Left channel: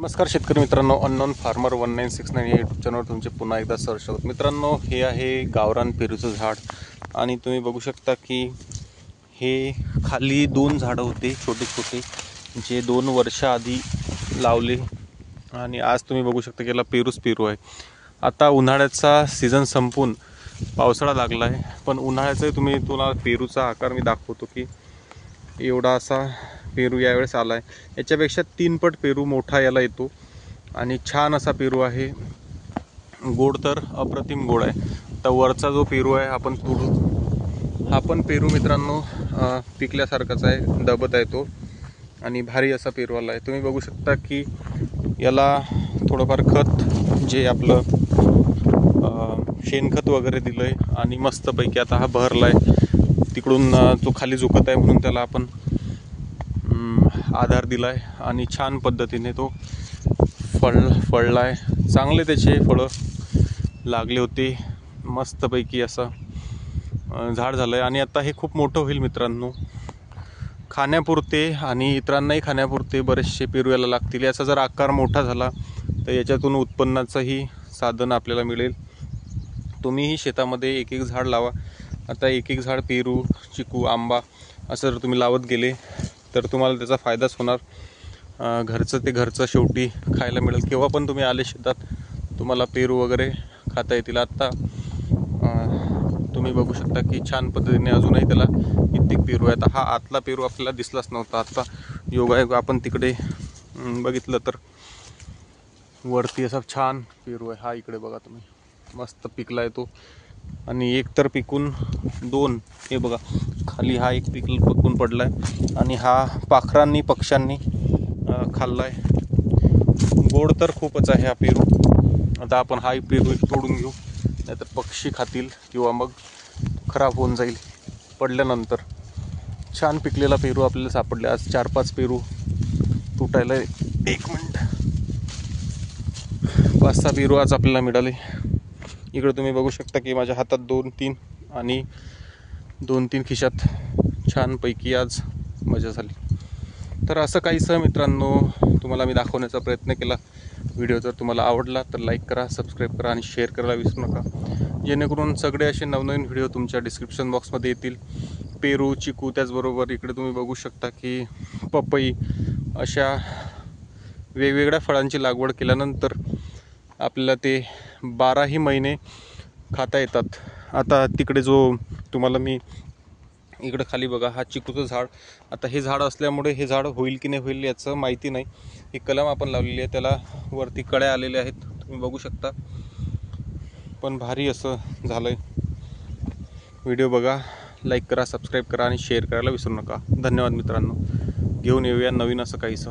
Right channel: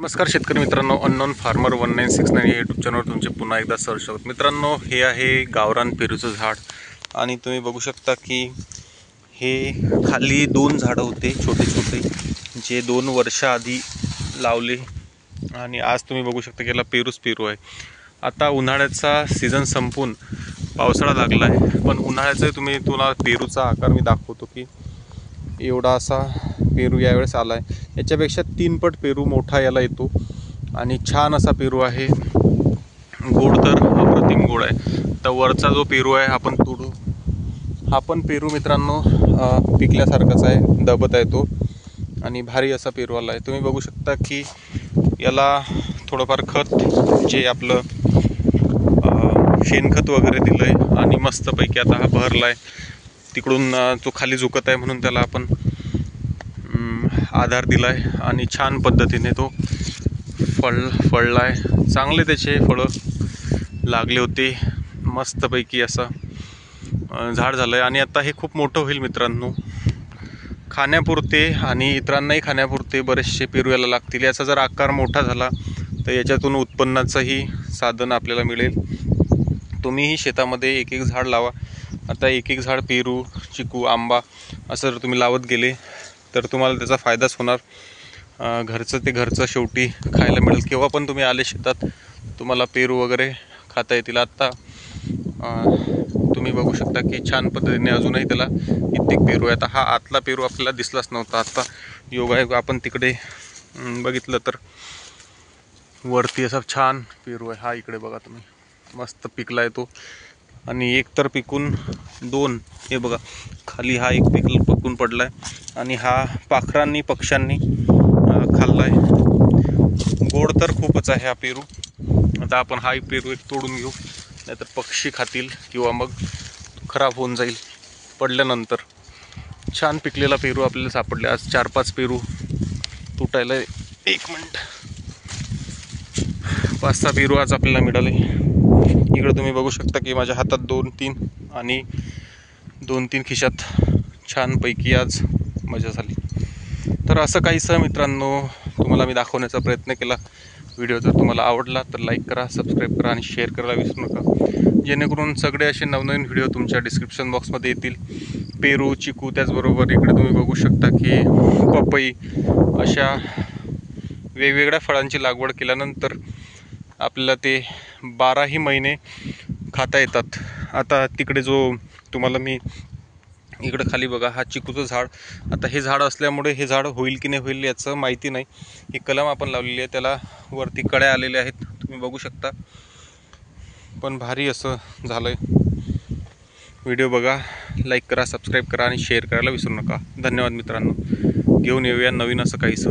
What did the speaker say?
नमस्कार शेतकरी मित्रांनो, अननोन फार्मर 1969 या यूट्यूब चॅनलवर तुमचे पुन्हा एकदा सहर्ष मित्रांनो, हे आहे गावरान पेरूचं झाड. आणि तुम्ही बघू शकता की हे खाली दोन झाडं होते छोटे छोटे, जे 2 वर्ष आधी लावले. आणि आज तुम्ही बघू शकता की याला पेरू आहे. आता उन्हाळ्याचा सीझन संपून पावसाळा लागला आहे, पण उन्हाळ्याचा तुम्हाला पेरूचा आकार मी दाखवतो की एवढा असा पेरू यावेळेस आला आहे. याच्यापेक्षा 3 पट पेरू मोठा याला येतो आणि छान असा पेरू आहे. गोड तर अप्रतिम गोड आहे. तर वरचा जो पेरू आहे आपण तोडू. हा पण पेरू मित्रांनो पिकल्यासारखाच आहे, दबत आहे तो आणि भारी असा पेरू आला आहे. तुम्ही बघू शकता की याला थोडंफार खत, जे आपलं शेणखत वगैरे दिलं आहे आणि मस्तपैकी आता हा भरला आहे. तिकडून तो खाली झुकत आहे म्हणून त्याला आपण आधार दिला आहे आणि छान पद्धतीने तो फळला आहे. चांगले त्याचे फळं लागले होते. मस्तपैकी असं झाड झालं आहे आणि आता हे खूप मोठं होईल मित्रांनो. खाण्यापुरते आणि इतरांनाही खाण्यापुरते बरेचसे पेरू याला लागतील. याचा जर आकार मोठा झाला तर याच्यातून उत्पन्नाचंही साधन आपल्याला मिळेल. तुम्हीही शेतामध्ये एक एक झाड लावा. आता एक एक झाड पेरू, चिकू, आंबा असं जर तुम्ही लावत गेले तर तुम्हाला त्याचा फायदाच होणार. घरचं ते घरचं शेवटी खायला मिळेल. केव्हा पण तुम्ही आले शेतात तुम्हाला पेरू वगैरे खाता येतील. आत्ता तुम्ही बघू शकता की छान पद्धतीने अजूनही त्याला कित्येक पेरू आहेत. हा आतला पेरू आपल्याला दिसलाच नव्हता. आत्ता योगायोग आपण तिकडे बघितलं तर वरती असा छान पेरू आहे. हा इकडे बघा तुम्ही, मस्त पिकला आहे तो. आणि एक तर पिकून 2, हे बघा खाली हा एक पिकून पडला आहे आणि हा पाखरांनी पक्ष्यांनी खाल्ला आहे. गोड तर खूपच आहे हा पेरू. आता आपण हा पेरू एक तोडून घेऊ, नाहीतर पक्षी खातील किंवा मग खराब होऊन जाईल पडल्यानंतर. छान पिकलेला पेरू आपल्याला सापडले. आज 4-5 पेरू तुटायला 1 मिनिट 5-6 पेरू आज आपल्याला मिळाले. इकडे तुम्ही बघू शकता की माझ्या हातात 2-3 आणि 2-3 खिशात छानपैकी आज मजा झाली. तर असं काहीसं मित्रांनो तुम्हाला मी दाखवण्याचा प्रयत्न केला. व्हिडिओ जर तुम्हाला आवडला तर लाईक करा, सबस्क्राईब करा आणि शेअर करायला विसरू नका, जेणेकरून सगळे असे नवनवीन व्हिडिओ तुमच्या डिस्क्रिप्शन बॉक्समध्ये येतील. पेरू, चिकू, त्याचबरोबर इकडे तुम्ही बघू शकता की पपई, अशा वेगवेगळ्या फळांची लागवड केल्यानंतर आपल्याला ते 12ही महिने खाता येतात. आता तिकडे जो तुम्हाला मी इकडं खाली बघा, हा चिकूचं झाड. आता हे झाड असल्यामुळे हे झाड होईल की नाही होईल याचं माहिती नाही. ही कलम आपण लावलेली आहे, त्याला वरती कळ्या आलेल्या आहेत, तुम्ही बघू शकता. पण भारी असं झालं आहे. व्हिडिओ बघा, लाईक करा, सबस्क्राईब करा आणि शेअर करायला विसरू नका. धन्यवाद मित्रांनो. घेऊन येऊया नवीन असं काहीसं.